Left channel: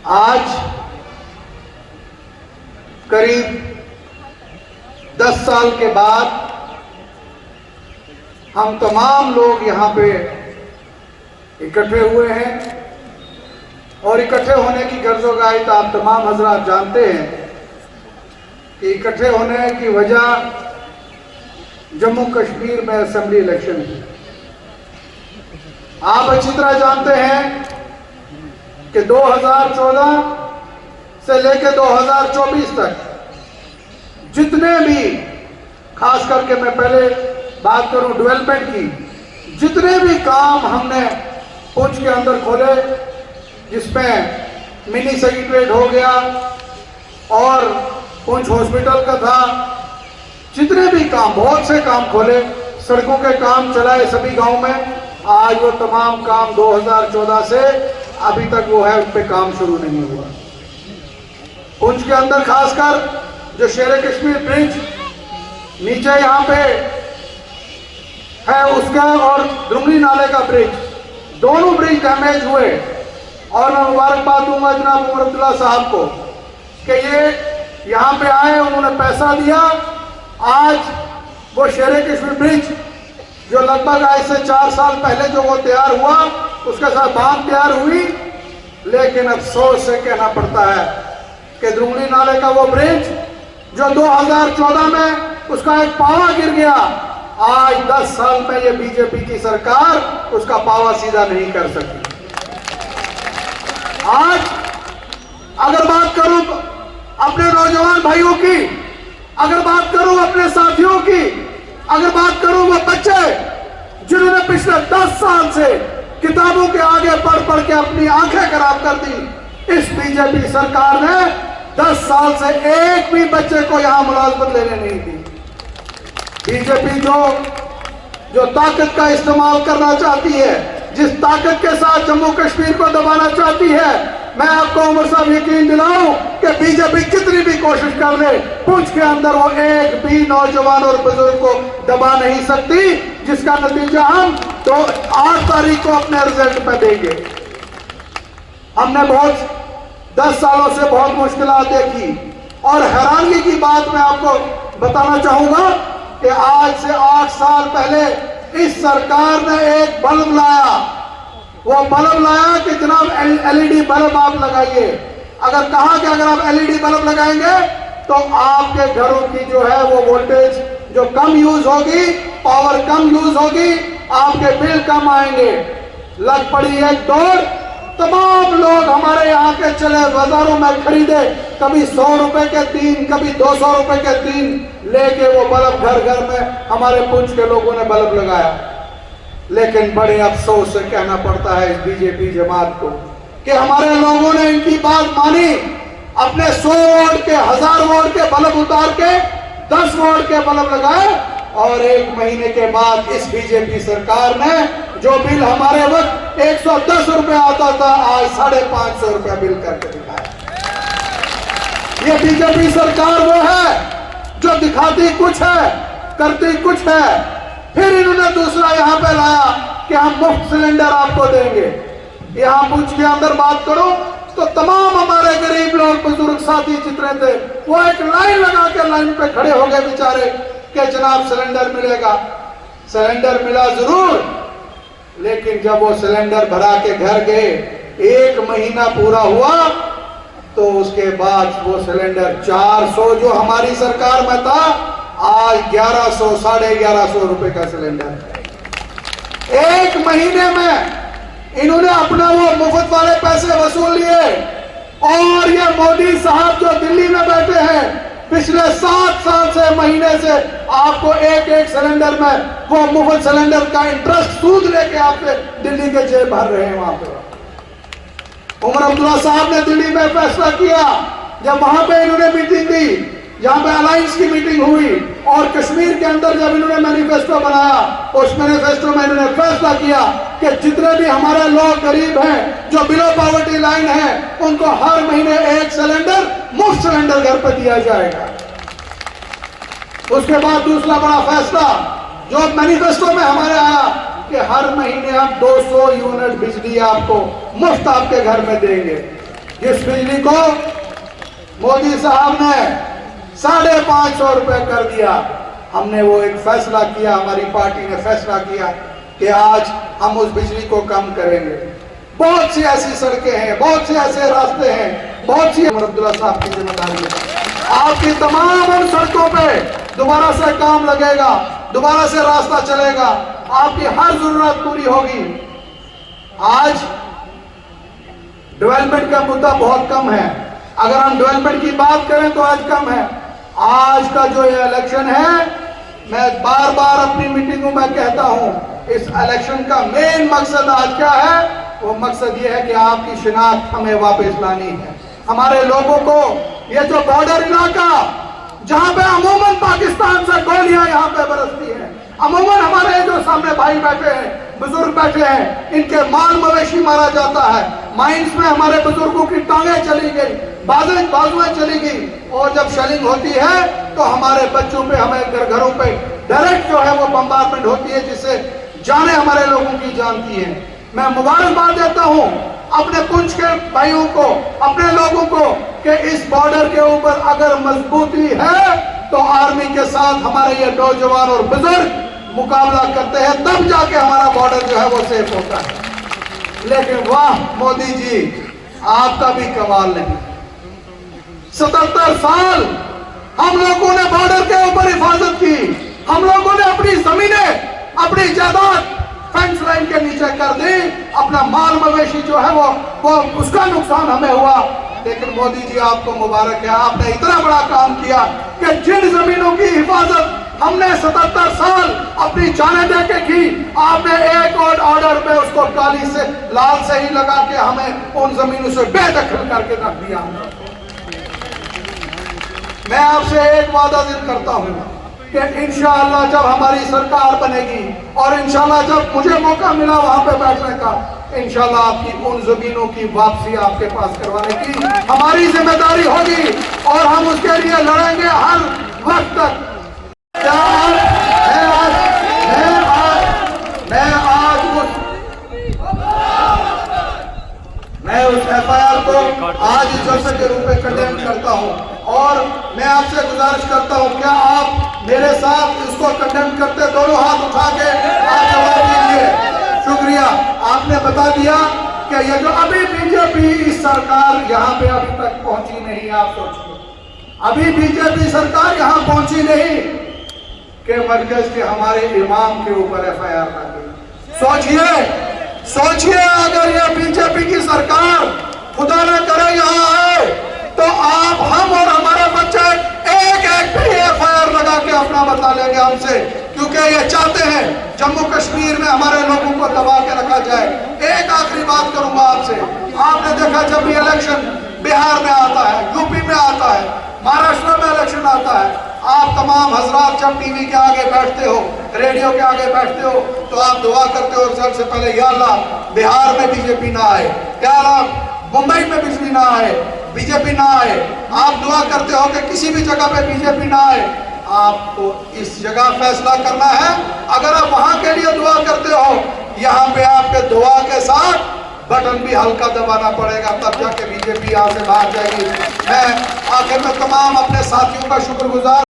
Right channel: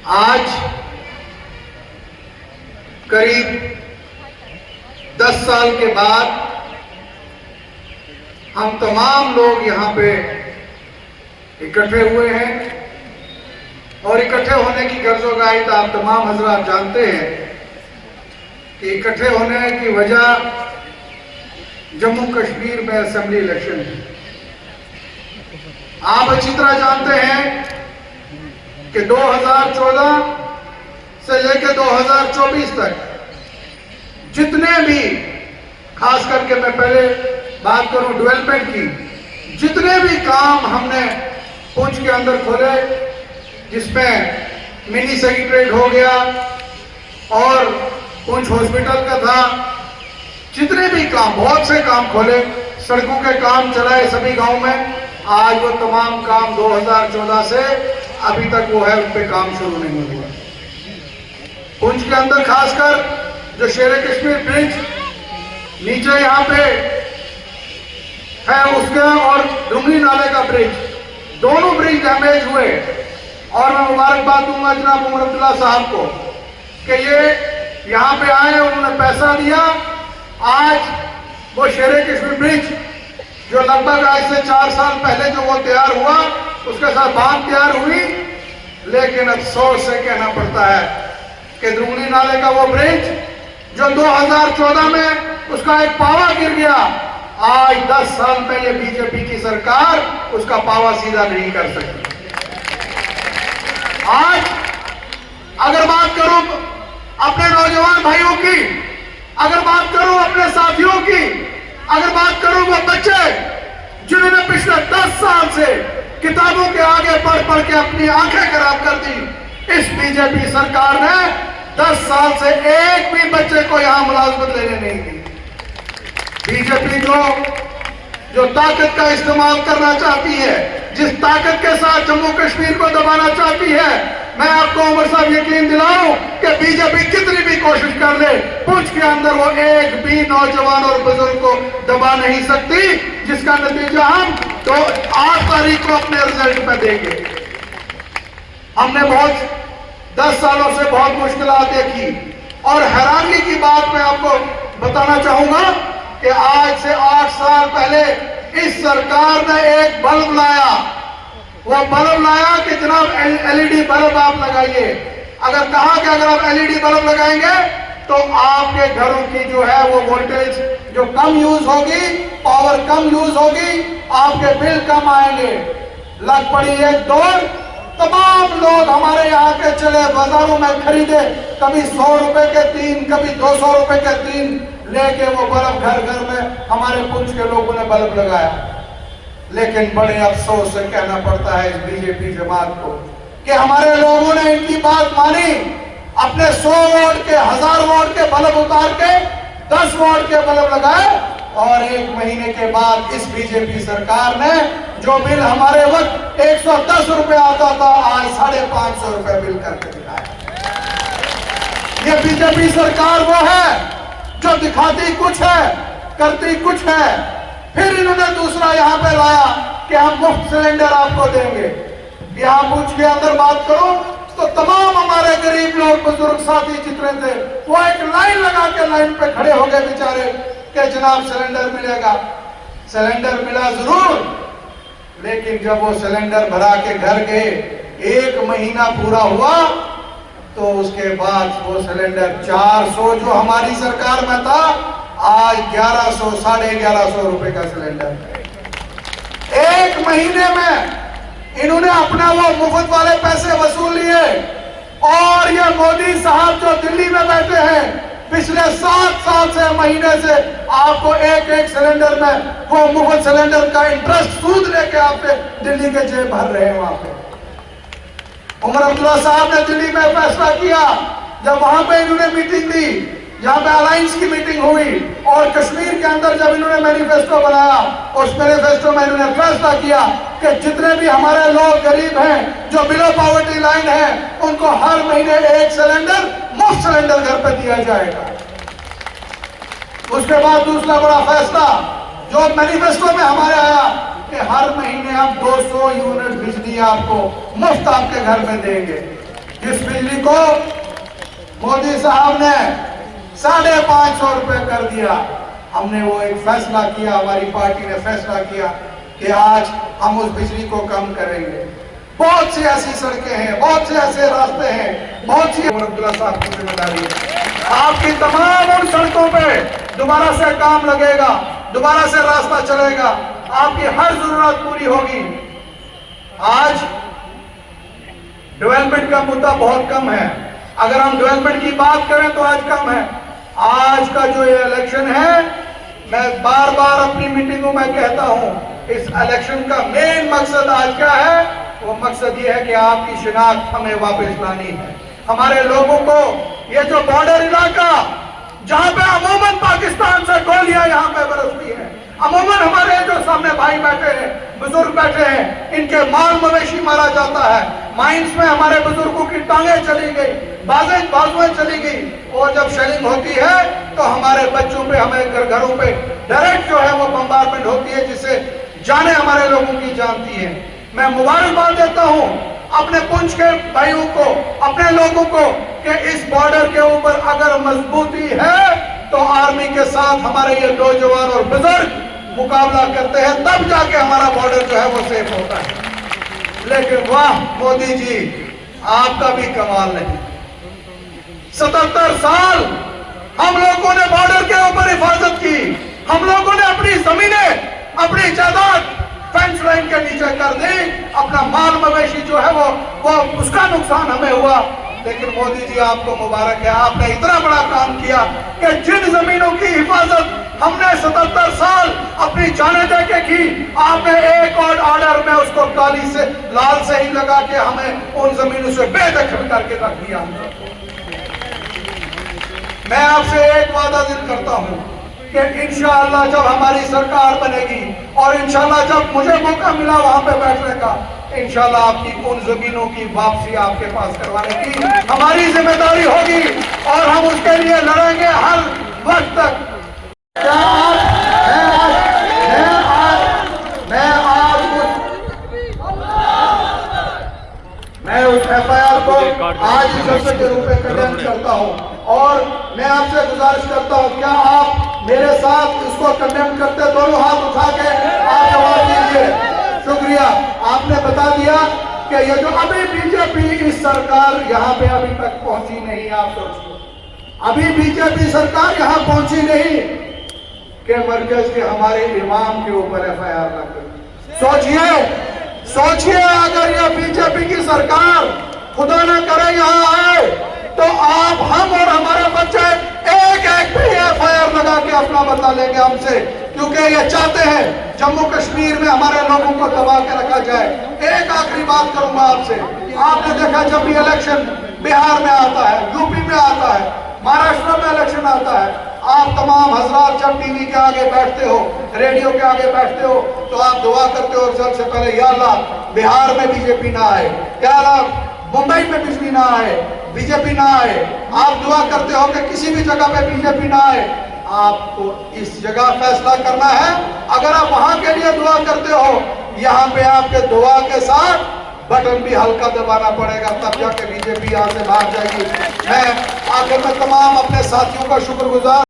आज करीब 10 साल के बाद हम तमाम लोग यहाँ पे इकट्ठे हुए हैं और इकट्ठे होने की गर्ज़ोगाहित आप तमाम हज़रात जानते हैं कि इकट्ठे होने की वजह जम्मू कश्मीर में असेंबली इलेक्शन है। आप अच्छी तरह जानते हैं कि 2014 से लेकर 2024 तक जितने भी, खास करके मैं पहले बात करूं डेवलपमेंट की, जितने भी काम हमने पुंछ के अंदर खोले, जिसमें मिनी सेक्रेटरीट हो गया और पुंछ हॉस्पिटल का था, जितने भी काम, बहुत से काम खोले, सड़कों के काम चलाए सभी गांव में। आज वो तमाम काम 2014 से अभी तक वो है, उन पे काम शुरू नहीं हुआ। पुंछ के अंदर खासकर जो शेर कश्मीर ब्रिज नीचे यहाँ पे है उसका और दुमनी नाले का ब्रिज, दोनों ब्रिज डैमेज हुए। और मैं मुबारकबाद दूंगा जनाब उमर साहब को कि ये यहाँ पे आए, उन्होंने पैसा दिया। आज वो शेर कश्मीर ब्रिज जो लगभग आज से 4 साल पहले जो वो तैयार हुआ, उसके साथ बांध तैयार हुई, लेकिन अफसोस से कहना पड़ता है कि दुमनी नाले का वो ब्रिज जो 2014 में उसका एक पावा गिर गया, आज 10 साल पहले बीजेपी की सरकार उसका पावा सीधा नहीं कर सकी। आज अगर बात करूं अपने नौजवान भाइयों की, अगर बात करूं अपने साथियों की, अगर बात करूं वो बच्चे जिन्होंने पिछले 10 साल से किताबों के आगे पढ़ पढ़ के अपनी आंखें खराब कर दी, इस बीजेपी सरकार ने 10 साल से एक भी बच्चे को यहां मुलाजमत लेने नहीं दी। बीजेपी जो ताकत का इस्तेमाल करना चाहती है, जिस ताकत के साथ जम्मू कश्मीर को दबाना चाहती है, मैं आपको उमर साहब यकीन दिलाऊं कि बीजेपी कितनी भी कोशिश कर ले, पुंछ के अंदर वो एक भी नौजवान और बुजुर्ग को दबा नहीं सकती, जिसका नतीजा हम तो 8 तारीख को अपने रिजल्ट में देंगे। हमने बहुत 10 सालों से बहुत मुश्किलात देखी और हैरानी की बात मैं आपको बताना चाहूंगा कि आज से 8 साल पहले इस सरकार ने एक बल्ब लाया। वो बल्ब लाया कि जनाब एलईडी बल्ब आप लगाइए। अगर कहा कि अगर आप एलईडी बल्ब लगाएंगे तो आपके घरों की जो है वो वोल्टेज जो कम यूज होगी, पावर कम यूज होगी, आपके बिल कम आएंगे। लग पड़ी एक दौड़, तमाम लोग हमारे यहाँ के चले बाजारों में खरीदे, कभी 100 रुपए के 3, कभी 200 रुपए के 3 लेके वो बल्ब घर घर में हमारे पुंछ के लोगों ने बल्ब लगाया। लेकिन बड़े अफसोस से कहना पड़ता है इस बीजेपी जमात को कि हमारे लोगों ने इनकी बात मानी, अपने 100 वोट के 1000 वोट के बल्ब उतार के 10 वोट के बल्ब लगाए और 1 महीने के बाद इस बीजेपी सरकार ने जो बिल हमारे वक्त 110 रुपए आता था, आज 550 रुपए बिल करके दिखाया। ये बीजेपी सरकार वो है जो दिखाती कुछ है, करती कुछ है। फिर इन्होंने दूसरा यहाँ पे लाया कि हम मुफ्त सिलेंडर आपको देंगे। यहाँ पुंछ के अंदर बात करो तो तमाम हमारे गरीब लोग, बुजुर्ग साथी जितने थे, वो एक लाइन लगा के लाइन पे खड़े हो गए बेचारे कि जनाब सिलेंडर मिलेगा। सिलेंडर मिला जरूर, लेकिन जब वो सिलेंडर भरा के घर गए, 1 महीना पूरा हुआ तो उसके बाद वो सिलेंडर 400 जो हमारी सरकार में था, आज 1100, 1150 रुपए का सिलेंडर। 1 महीने में इन्होंने अपना वो मुफ्त वाले पैसे वसूल लिए। और ये मोदी साहब जो दिल्ली में बैठे हैं, पिछले 7 साल से, महीने से आपको एक सिलेंडर में वो मुफ्त सिलेंडर का इंटरेस्ट सूद लेके आपसे दिल्ली के जेब भर रहे हैं। वहां पे उमर अब्दुल्ला साहब ने दिल्ली में फैसला किया, जब वहां पे इन्होंने मीटिंग दी, जहां पे अलायंस की मीटिंग हुई और कश्मीर के अंदर जब इन्होंने मैनिफेस्टो बनाया, उस मैनिफेस्टो में इन्होंने फैसला किया कि जितने भी हमारे लोग गरीब हैं, जो बिलो पॉवर्टी लाइन है, उनको हर महीने 1 सिलेंडर मुफ्त सिलेंडर घर पे दिया जाएगा। उसके बाद दूसरा बड़ा फैसला जो मैनिफेस्टो में हमारे आया कि हर महीने हम 200 यूनिट बिजली आपको मुफ्त आपके घर में देंगे। जिस बिजली को मोदी साहब ने 550 रुपए कर दिया, हमने वो एक फैसला किया, हमारी पार्टी ने फैसला किया कि आज हम उस बिजली को कम करेंगे। बहुत सी ऐसी सड़कें हैं, बहुत से ऐसे रास्ते हैं, बहुत सी अब्दुल्ला साहब की जिम्मेदारी है। आपकी तमाम उन सड़कों पे दोबारा से काम लगेगा, दोबारा से रास्ता चलेगा, आपकी हर जरूरत पूरी होगी। आज डेवलपमेंट का मुद्दा बहुत कम है। अगर हम डेवलपमेंट की बात करें तो आज कम है। आज का जो ये इलेक्शन है, मैं बार बार अपनी मीटिंगों में कहता हूं, इस इलेक्शन का मेन मकसद आज क्या है? वो मकसद ये है कि आपकी शिनाख्त हमें वापस लानी है। हमारे लोगों को ये जो बॉर्डर इलाका जहां पे अमूमन पाकिस्तान से गोलियां यहां पे बरसती हैं, अमूमन हमारे जो सामने भाई बैठे हैं, बुजुर्ग बैठे हैं, इनके माल मवेशी मारा जाता है। माइंस में हमारे बुजुर्गों की टांगें चली गई, बाजुएं चली गई, और जब शेलिंग होती है तो हमारे बच्चों पे, हमारे घरों पे डायरेक्ट जो है वो बम्बारमेंट होती है, जिससे जाने हमारे लोगों की जानती है। मैं मुबारकबाद देता हूं अपने पुंछ के भाइयों को, अपने लोगों को, कि इस बॉर्डर के ऊपर अगर मजबूती है तो आर्मी के साथ हमारे ये नौजवान और बुजुर्ग मुकाबला करते हैं, तब जाके हमारा बॉर्डर जो है वो सेफ होता है। लेकिन वाह मोदी जी, आपका भी कमाल नहीं। 77 साल हम लोगों ने बॉर्डर के ऊपर हिफाजत की, हम लोगों ने अपनी जमीनें, अपनी जायदाद फेंस लाइन के नीचे कर दी, अपना माल मवेशी जो है वो उसका नुकसान हमें हुआ। लेकिन मोदी जी आपको मुबारक है, आपने इतना बड़ा काम किया कि जिन जमीनों की हिफाजत हमने 77 साल अपनी जाने दे के की, आपने एक और ऑर्डर में उसको काली से लाल से ही लगा के हमें उन जमीनों से बेदखल करके रख दिया। मैं आपसे एक वादा दिल करता हूं कि इंशाअल्लाह जब हमारी सरकार बनेगी और इंशाअल्लाह जब मुझे मौका मिला वहां पे बैठने का, इंशाअल्लाह आपकी उन जमीनों की वापसी आपके पास करवाने की हमारी जिम्मेदारी होगी, और हम उसके लिए लड़ेंगे हर वक्त तक। मैं उस FIR को आज ही जलसे के रूप में कंडेम करता हूं, और मैं आपसे गुजारिश करता हूं, क्या आप मेरे साथ इसको कंडेम करते? दोनों हाथ उठा के आप जवाब दीजिए। शुक्रिया, आपने बता दिया कि ये जो अभी बीजेपी इस सरकार यहाँ पे अभी तक पहुंची नहीं। आप सोचिए, अभी बीजेपी सरकार यहाँ पहुंची नहीं कि मरकज के हमारे इमाम के ऊपर FIR लगे। सोचिए अगर यह बीजेपी की सरकार खुदा न करे यहाँ आए तो आप, हम और हमारे बच्चे एक पे FIR लगा के अपना बता लेंगे हमसे, क्योंकि ये चाहते हैं जम्मू कश्मीर में हमारे लोगों को दबा के रखा जाए। एक आखिरी बात करूंगा आपसे, आपने देखा जब भी इलेक्शन बिहार में आता है, यूपी में आता है, महाराष्ट्र में इलेक्शन आता है, आप तमाम हजरात जब टीवी के आगे बैठते हो, रेडियो के आगे बैठते हो, तो आप दुआ करते हो सबसे पहले, या अल्लाह बिहार में बीजेपी ना आए, या अल्लाह मुंबई में बिजली ना आए, बीजेपी ना आए। आप दुआ करते हो कि किसी भी जगह पे बीजेपी ना आए। आपको इस जगह फैसला करना है। अगर आप वहां के लिए दुआ करते हो, यहाँ पे आपके दुआ के साथ बटन भी हल्का दबाना पड़ेगा, तब जाके बीजेपी यहाँ से बाहर जाएगी। मैं आखिर में तमाम अपने साथियों का शुक्रगुजार